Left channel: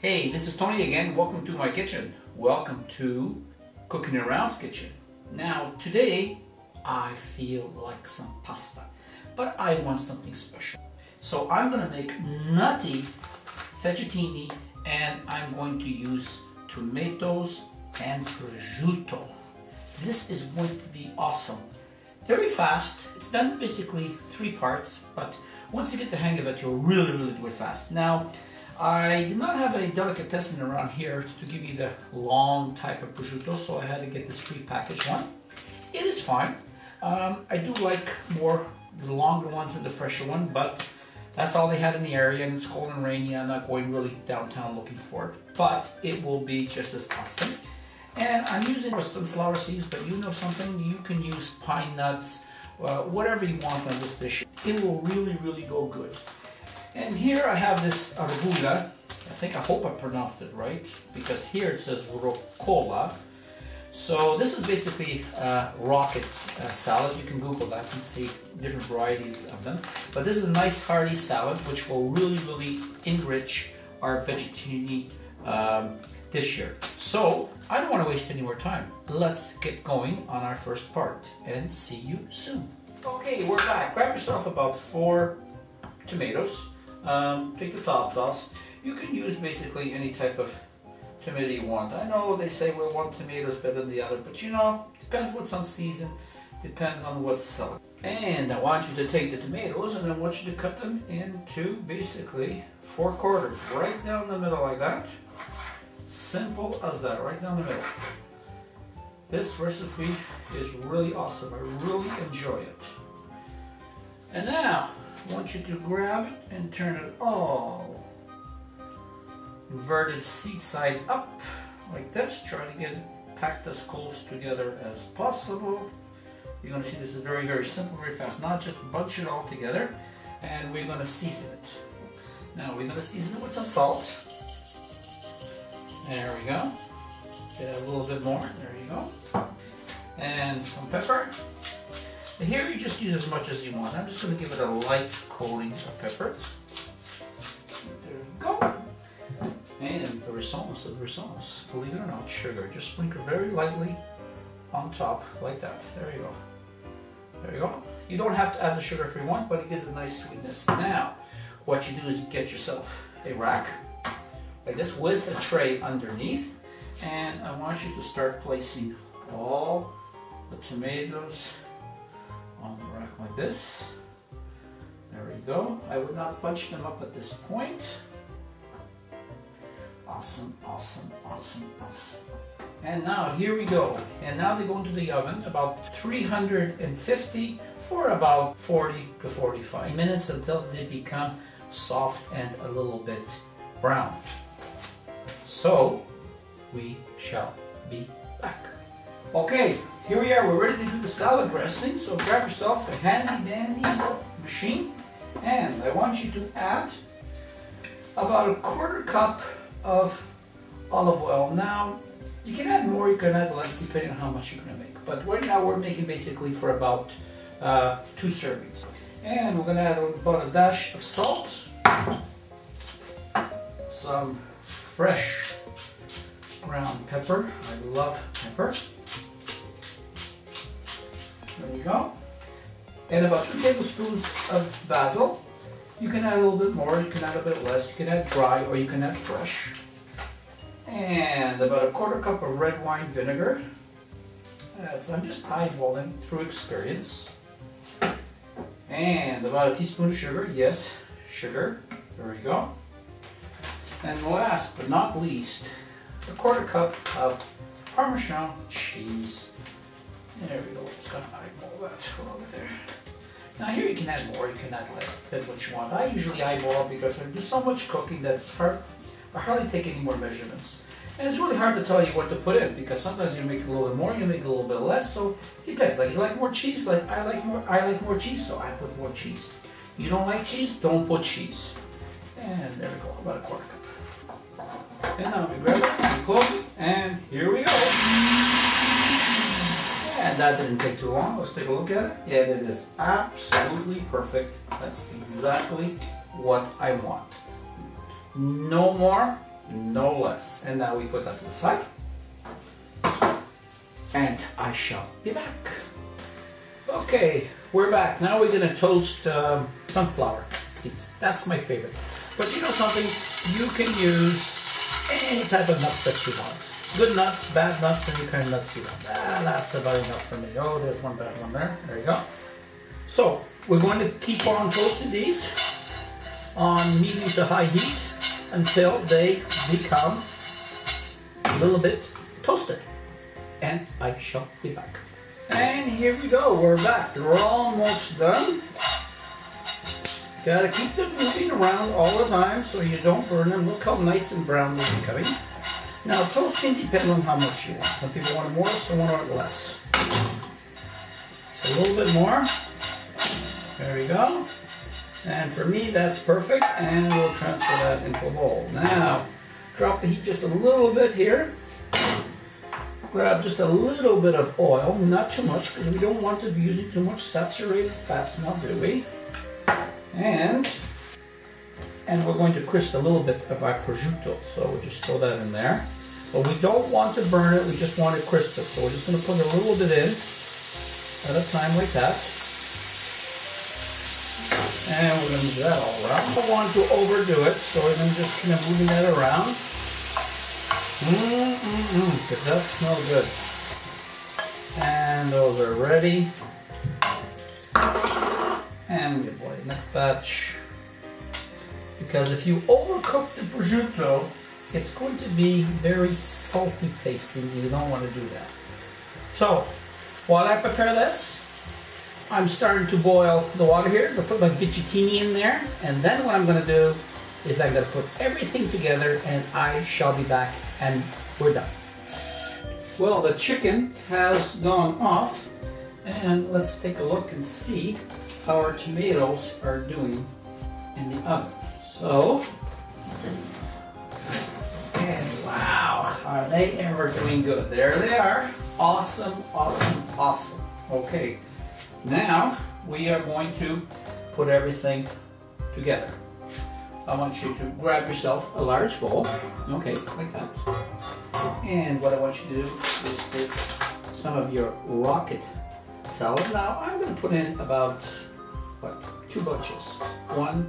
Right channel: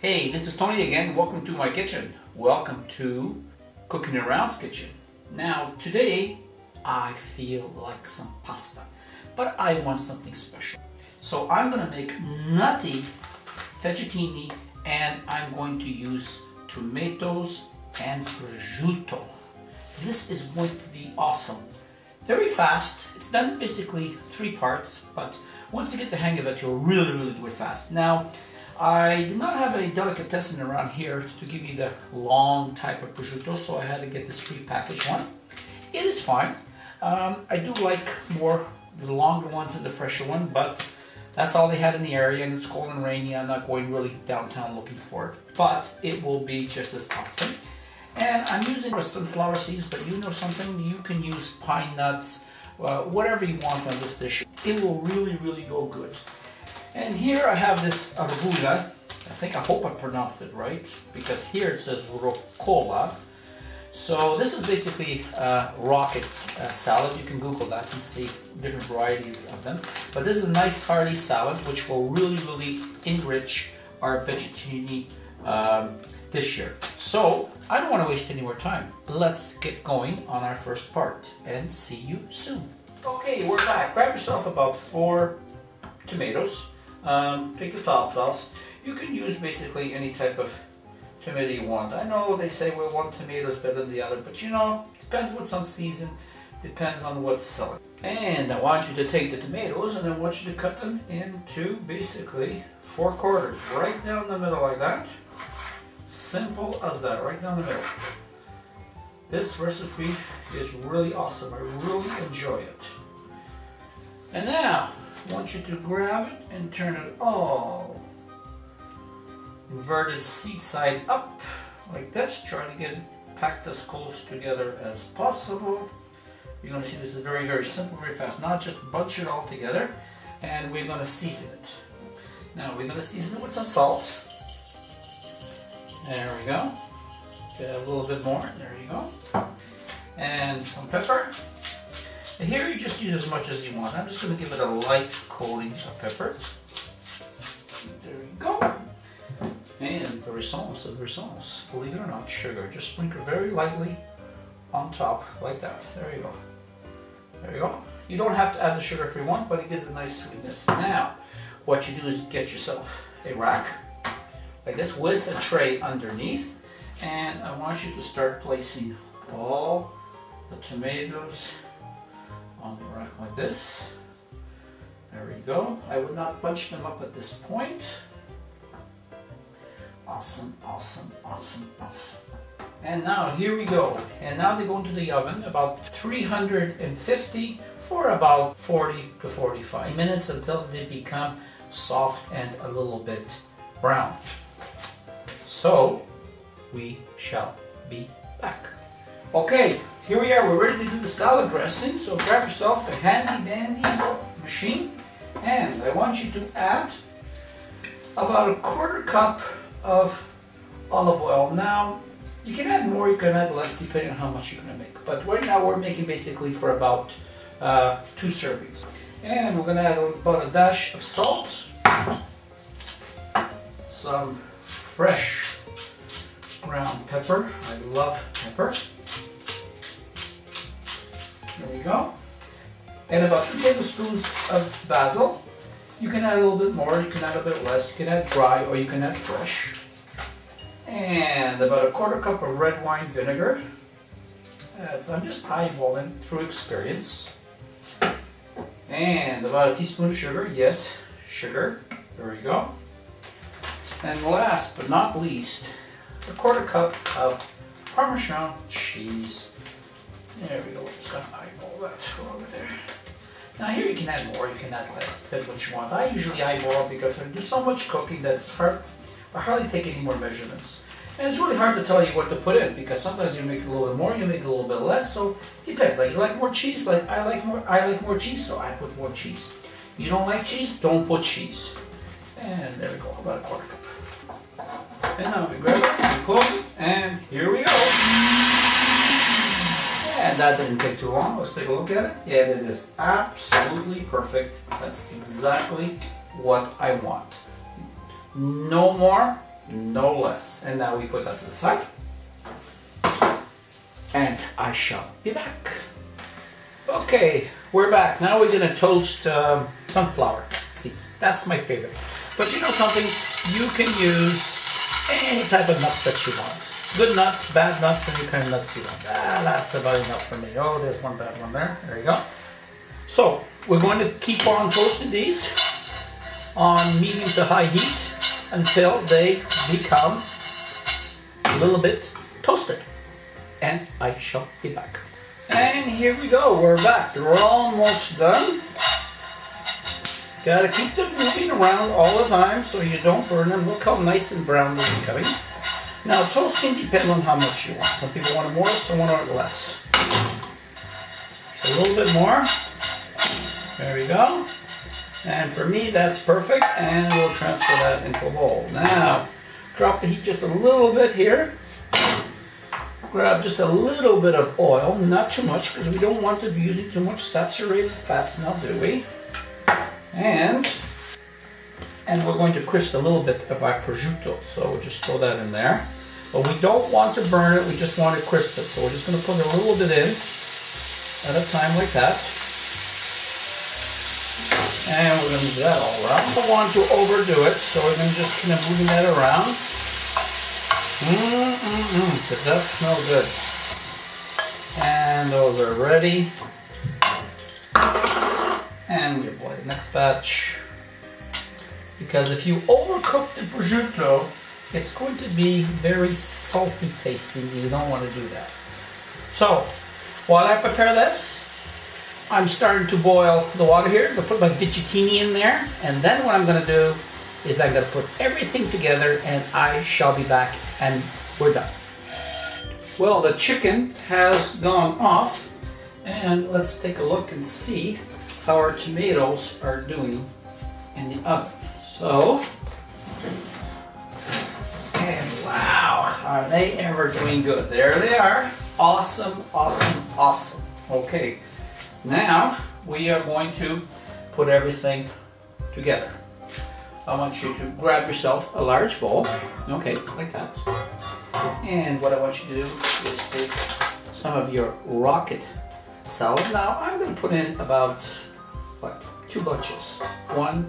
Hey, this is Tony again. Welcome to my kitchen. Welcome to Cooking Around's kitchen. Now, today I feel like some pasta, but I want something special. So I'm gonna make nutty fettuccine, and I'm going to use tomatoes and prosciutto. This is going to be awesome. Very fast. It's done basically 3 parts, but once you get the hang of it, you'll really do it fast. Now, I did not have a delicatessen around here to give me the long type of prosciutto, so I had to get this pre-packaged one. It is fine. I do like more the longer ones than the fresher one, but that's all they had in the area, and it's cold and rainy. I'm not going really downtown looking for it, but it will be just as awesome. And I'm using sunflower seeds, but you know something, you can use pine nuts, whatever you want on this dish. It will really go good. And here I have this arugula. I hope I pronounced it right, because here it says rucola. So this is basically rocket salad. You can Google that and see different varieties of them. But this is a nice hearty salad, which will really enrich our fettuccine dish here. So I don't want to waste any more time. Let's get going on our first part and see you soon. Okay, we're back. Grab yourself about 4 tomatoes. Take the top off. You can use basically any type of tomato you want. I know they say, well, one tomato is better than the other, but you know, depends what's on season, depends on what's selling. And I want you to take the tomatoes and I want you to cut them into basically 4 quarters, right down the middle like that. Simple as that, right down the middle. This recipe is really awesome. I really enjoy it. And now, I want you to grab it and turn it all inverted seat side up like this. Try to get it packed as close together as possible. You're going to see this is very simple, very fast. Now just bunch it all together and we're going to season it. Now we're going to season it with some salt. There we go. Get a little bit more. There you go. And some pepper. And here you just use as much as you want. I'm just going to give it a light coating of pepper. There you go. And the response, believe it or not, sugar. Just sprinkle very lightly on top, like that. There you go. There you go. You don't have to add the sugar if you want, but it gives a nice sweetness. Now, what you do is get yourself a rack, like this, with a tray underneath. And I want you to start placing all the tomatoes on the rack like this. There we go. I would not bunch them up at this point. Awesome. And now here we go. And now they go into the oven about 350 for about 40 to 45 minutes until they become soft and a little bit brown. So we shall be back. Okay, here we are. We're ready to do the salad dressing. So grab yourself a handy dandy machine, and I want you to add about a 1/4 cup of olive oil. Now, you can add more, you can add less, depending on how much you're going to make. But right now we're making basically for about 2 servings. And we're going to add about a dash of salt, some fresh ground pepper. I love pepper. There we go. And about 2 tablespoons of basil. You can add a little bit more, you can add a bit less, you can add dry or you can add fresh. And about a 1/4 cup of red wine vinegar. So I'm just eyeballing through experience. And about a teaspoon of sugar, yes, sugar. There we go. And last but not least, a 1/4 cup of Parmesan cheese. There we go, just gonna eyeball that over there. Now here you can add more, you can add less, depends what you want. I usually eyeball because I do so much cooking that it's hard. I hardly take any more measurements. And it's really hard to tell you what to put in, because sometimes you make a little bit more, you make a little bit less, so it depends. Like, you like more cheese, like I like more cheese, so I put more cheese. You don't like cheese, don't put cheese. And there we go, about a 1/4 cup. And now we grab it, we close it, and here we go. And that didn't take too long. Let's take a look at it. And it is absolutely perfect. That's exactly what I want. No more, no less. And now we put that to the side. And I shall be back. Okay, we're back. Now we're gonna toast sunflower seeds. That's my favorite. But you know something? You can use any type of nuts that you want. Good nuts, bad nuts, any kind of nuts you want. That's about enough for me. Oh, there's one bad one there. There you go. So we're going to keep on toasting these on medium to high heat until they become a little bit toasted. And I shall be back. And here we go, we're back. We're almost done. Gotta keep them moving around all the time so you don't burn them. Look how nice and brown they're becoming. Now toasting depends on how much you want. Some people want it more, some want it less. So a little bit more. There we go. And for me that's perfect, and we'll transfer that into a bowl. Now, drop the heat just a little bit here. Grab just a little bit of oil, not too much, because we don't want to be using too much saturated fats now, do we? And we're going to crisp a little bit of our prosciutto, so we'll just throw that in there. But we don't want to burn it, we just want to crisp it. So we're just going to put a little bit in at a time like that. And we're going to do that all around. We don't want to overdo it, so we're going to just kind of move that around. Does that smell good? And those are ready. And we apply the next batch. Because if you overcook the prosciutto, it's going to be very salty tasting. You don't want to do that. So, while I prepare this, I'm starting to boil the water here. I'm going to put my fettuccine in there. And then what I'm going to do is I'm going to put everything together and I shall be back and we're done. Well, the chicken has gone off and let's take a look and see how our tomatoes are doing in the oven. So, and wow, are they ever doing good? There they are. Awesome, awesome, awesome. Okay, now we are going to put everything together. I want you to grab yourself a large bowl, okay, like that. And what I want you to do is take some of your rocket salad. Now I'm going to put in about, what, 2 bunches. 1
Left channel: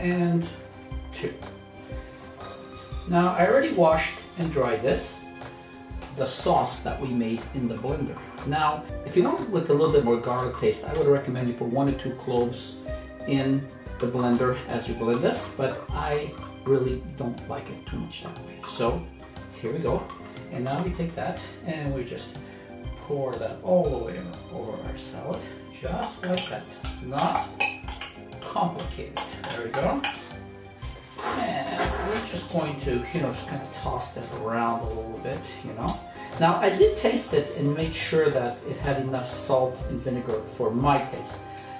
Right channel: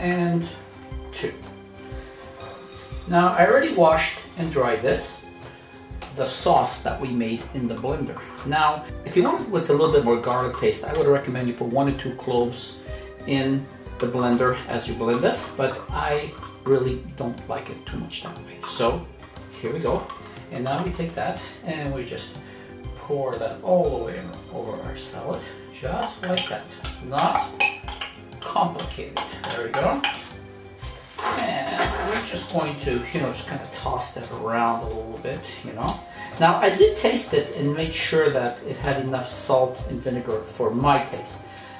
and 2. Now I already washed and dried this, the sauce that we made in the blender. Now, if you want it with a little bit more garlic taste, I would recommend you put 1 or 2 cloves in the blender as you blend this, but I really don't like it too much that way. So here we go. And now we take that and we just pour that all the way over our salad, just like that. It's not complicated. There we go. And we're just going to, just kind of toss that around a little bit, Now I did taste it and made sure that it had enough salt and vinegar for my taste.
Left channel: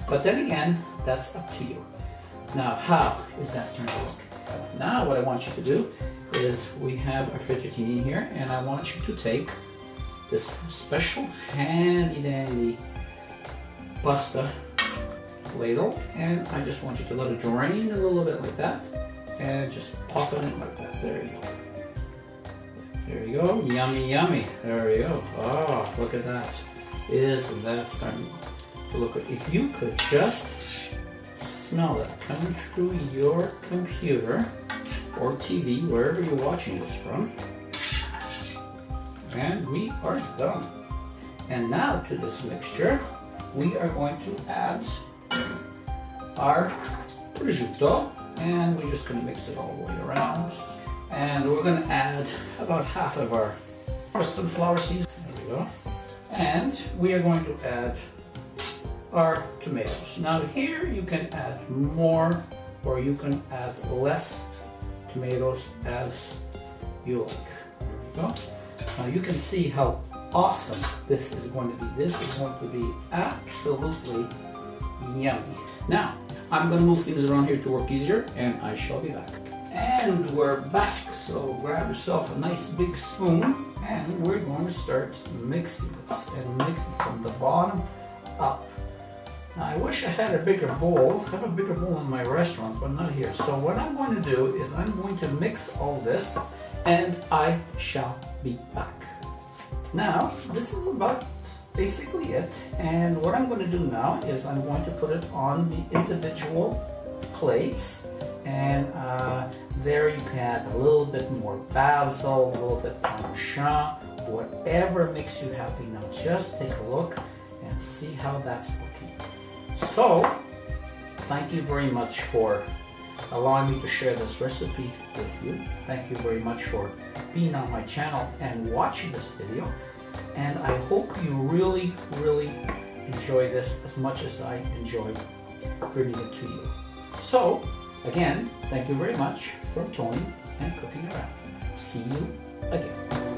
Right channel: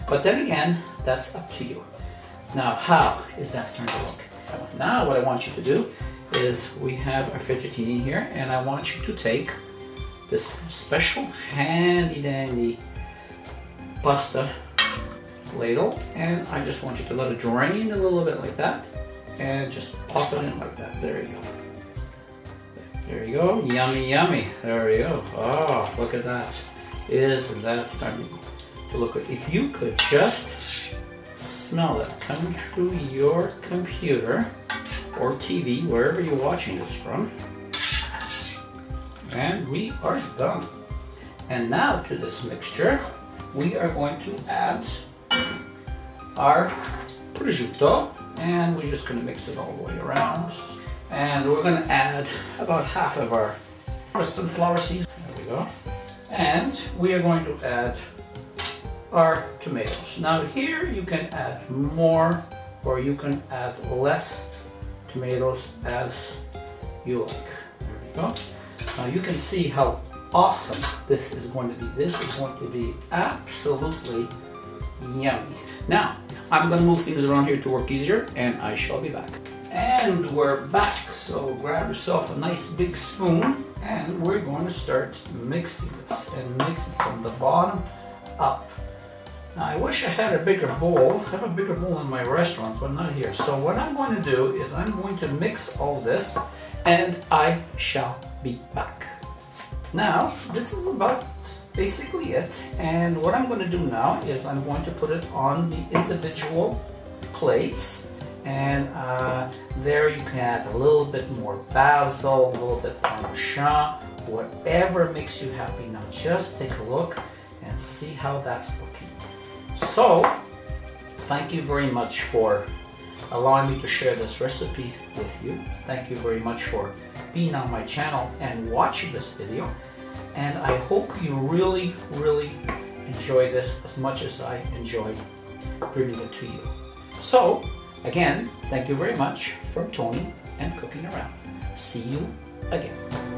But then again, that's up to you. Now, how is that starting to look? Now what I want you to do is we have our fettuccine here, and I want you to take this special handy dandy pasta ladle, and I just want you to let it drain a little bit like that, and just pop it in like that. There you go. There you go. Yummy, yummy. There we go. Oh, look at that. Isn't that starting to look good? If you could just smell it coming through your computer or TV, wherever you're watching this from. And we are done. And now to this mixture, we are going to add our prosciutto, and we're just going to mix it all the way around. And we're going to add about half of our sunflower seeds. There we go. And we are going to add our tomatoes. Now here you can add more or you can add less tomatoes as you like. There we go. Now you can see how awesome this is going to be. This is going to be absolutely yummy. Now I'm going to move things around here to work easier, and I shall be back. And we're back, so grab yourself a nice big spoon and we're going to start mixing this, and mix it from the bottom up. Now, I wish I had a bigger bowl. I have a bigger bowl in my restaurant, but not here. So what I'm going to do is I'm going to mix all this, and I shall be back. Now, this is about basically it. And what I'm going to do now is I'm going to put it on the individual plates, and there you can add a little bit more basil, a little bit parmesan, whatever makes you happy. Now just take a look and see how that's looking. So, thank you very much for allowing me to share this recipe with you. Thank you very much for being on my channel and watching this video. And I hope you really, really enjoy this as much as I enjoyed bringing it to you. So, again, thank you very much from Tony and Cooking Around. See you again.